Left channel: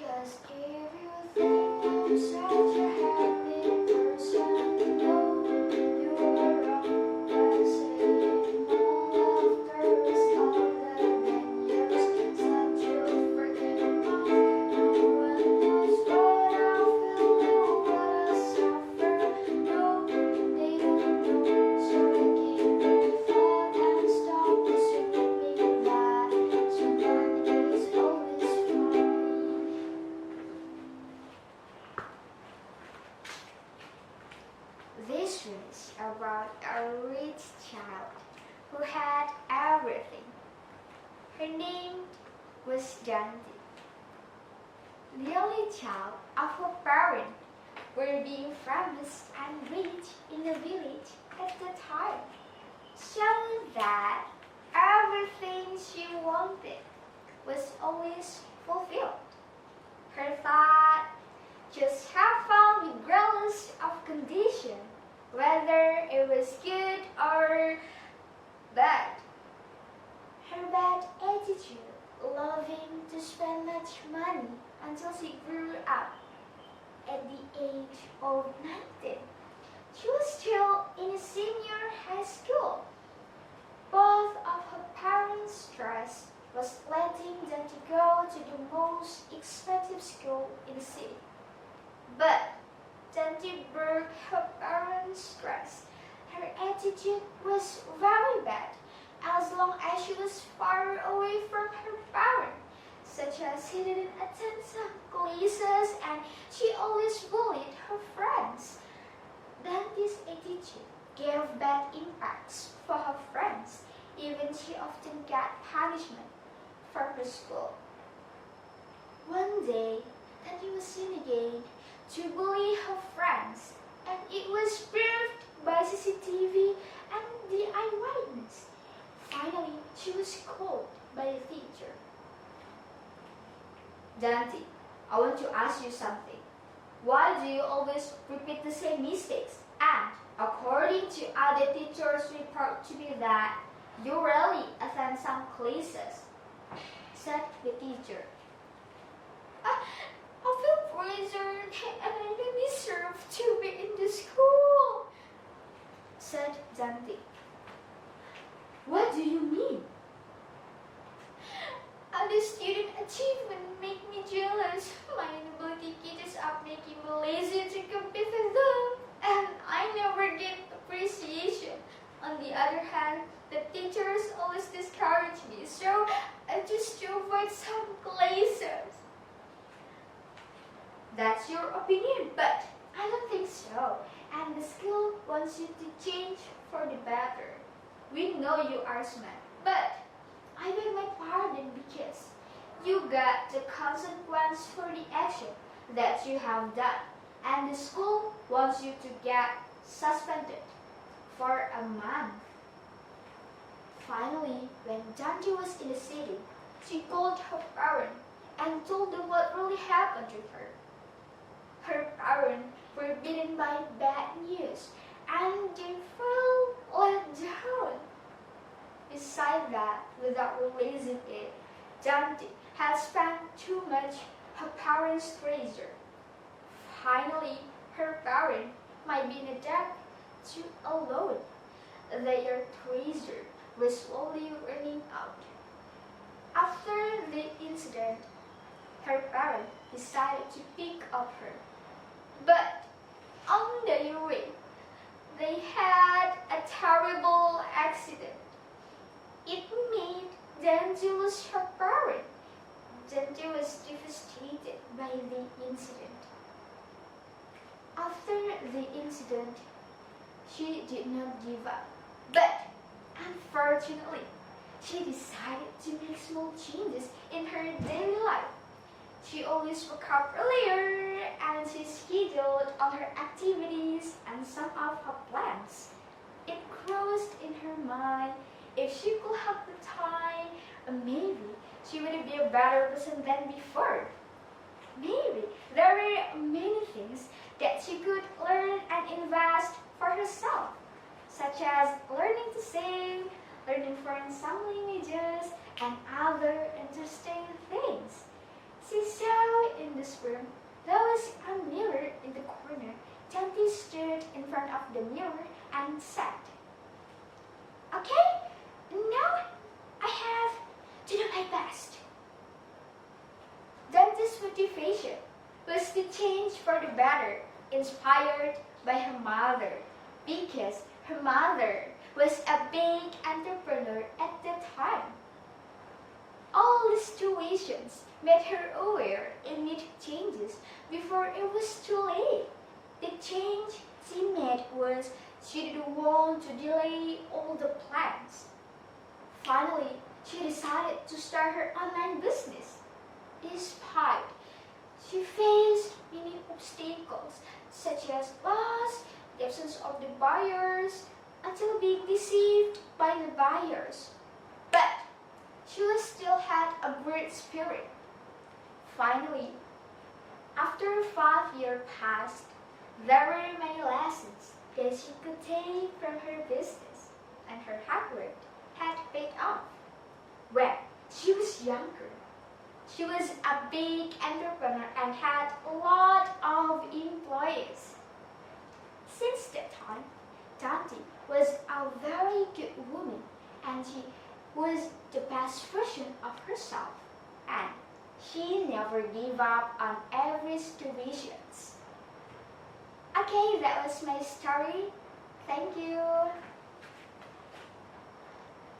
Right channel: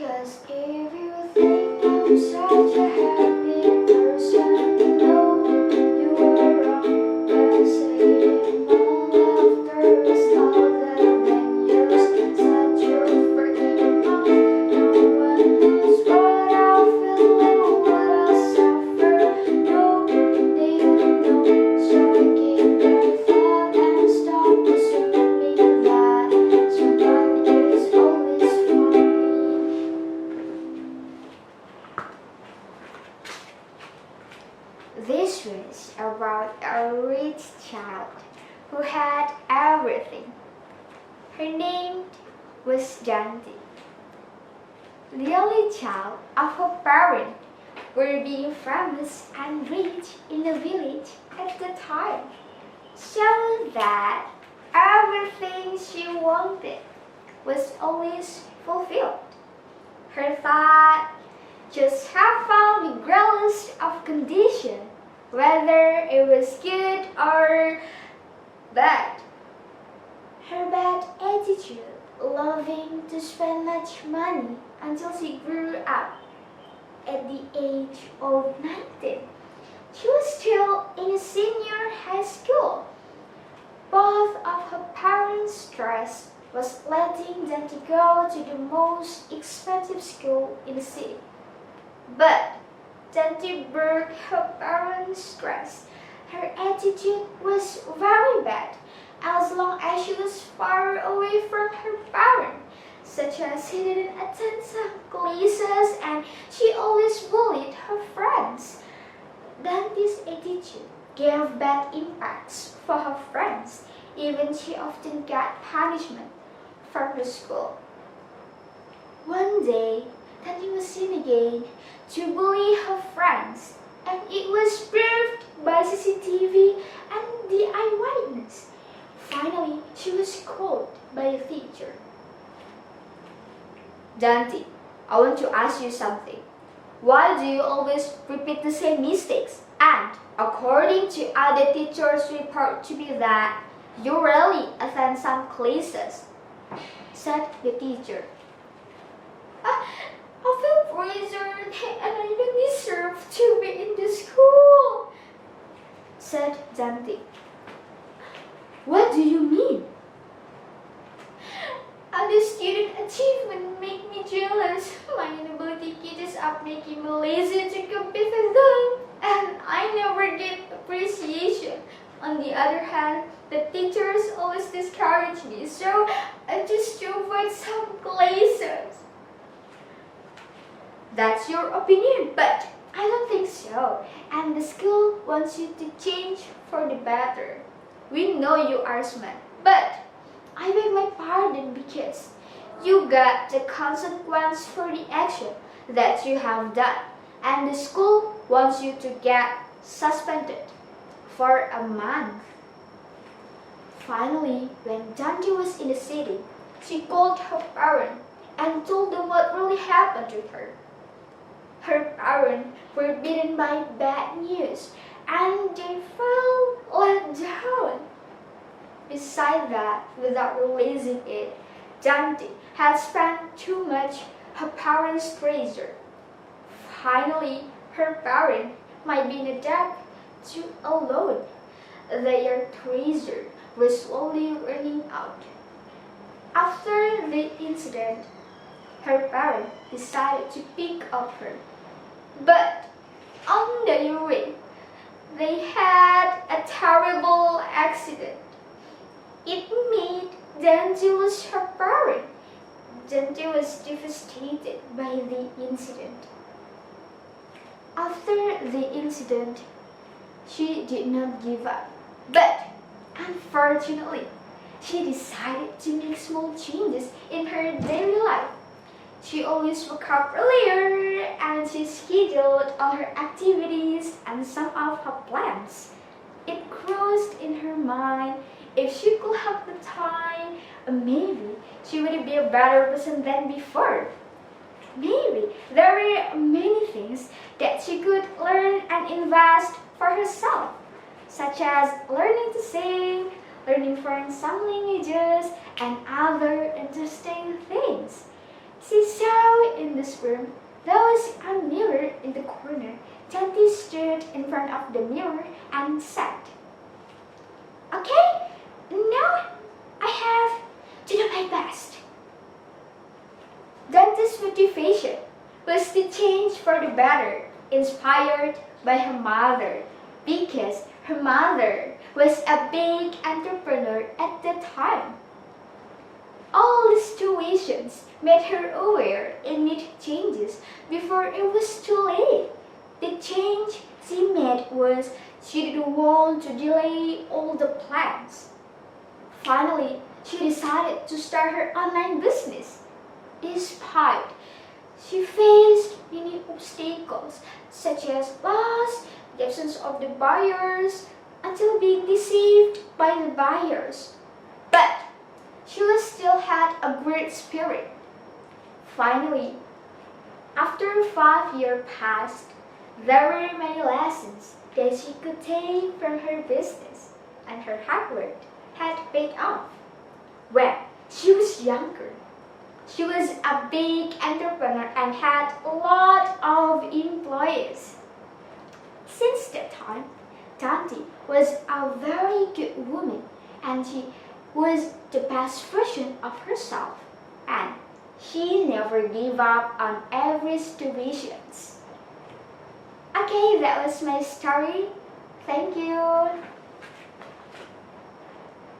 'Cause if you think I'm such a happy person, no, you are wrong by saying my laughter is louder than yours. Such a freaking mouth. No one knows what I feel and what I suffer. No, they don't know. So I keep my thought and stop assuming that someone is always fine. This was about a rich child who had everything. Her name was Janti. The only child of her parents were being famous and rich in the village at the time, so that everything she wanted was always fulfilled. Her thought just have found regardless of condition, whether it was good or bad. Her bad attitude, loving to spend much money until she grew up. At the age of 19, she was still in a senior high school. Both of her parents' stress was letting them to go to the most expensive school in the city. But Tanti broke her parents' stress. Her attitude was very bad as long as she was far away from her parents, such as she didn't attend some classes and she always bullied her friends. Dante's attitude gave bad impacts for her friends. Even she often got punishment from her school. One day, Tani was seen again to bully her friends, and it was proved by CCTV and the eyewitness. Finally, she was called by a teacher. Dante, I want to ask you something. Why do you always repeat the same mistakes? And according to other teachers' report to be that you rarely attend some classes, said the teacher. I feel pressured and I don't deserve to be in the school, said Dante. What do you mean? Other student achievement make me jealous. My inability catches up making me lazy to compete with them, and I never get appreciation. On the other hand, the teachers always discourage me, so I just to avoid some classes. That's your opinion, but I don't think so. And the school wants you to change for the better. We know you are smart, but I beg my pardon because you got the consequence for the action that you have done. And the school wants you to get suspended for a month. Finally, when Dante was in the city, she called her parents and told them what really happened to her. Her parents were beaten by bad news and they felt let down. Besides that, without realizing it, Dante had spent too much her parents' treasure. Finally, her parents might be in a debt to a loan. Their treasure was slowly running out. After the incident, her parents decided to pick up her. But on their way, they had a terrible accident. It made Dante lose her parent. Dante was devastated by the incident. After the incident, she did not give up. But unfortunately, she decided to make small changes in her daily life. She always woke up earlier and she scheduled all her activities and some of her plans. It crossed in her mind if she could have the time, maybe she would be a better person than before. Maybe there were many things that she could learn and invest for herself, such as learning to sing, learning foreign some languages, and other interesting things. She saw in this room, there was a mirror in the corner. Tanti stood in front of the mirror and said, "Okay, now I have to do my best." Dante's motivation was to change for the better, inspired by her mother, because her mother was a big entrepreneur at the time. All the situations made her aware and need changes before it was too late. The change she made was she didn't want to delay all the plans. Finally, she decided to start her online business. Despite she faced many obstacles such as loss, the absence of the buyers, until being deceived by the buyers. But she still had a great spirit. Finally, after 5 years passed, there were many lessons that she could take from her business, and her hard work had paid off. When she was younger, she was a big entrepreneur and had a lot of employees. Since that time, Tanti was a very good woman, and she was the best version of herself, and she never gave up on every situation. Okay, that was my story. Thank you.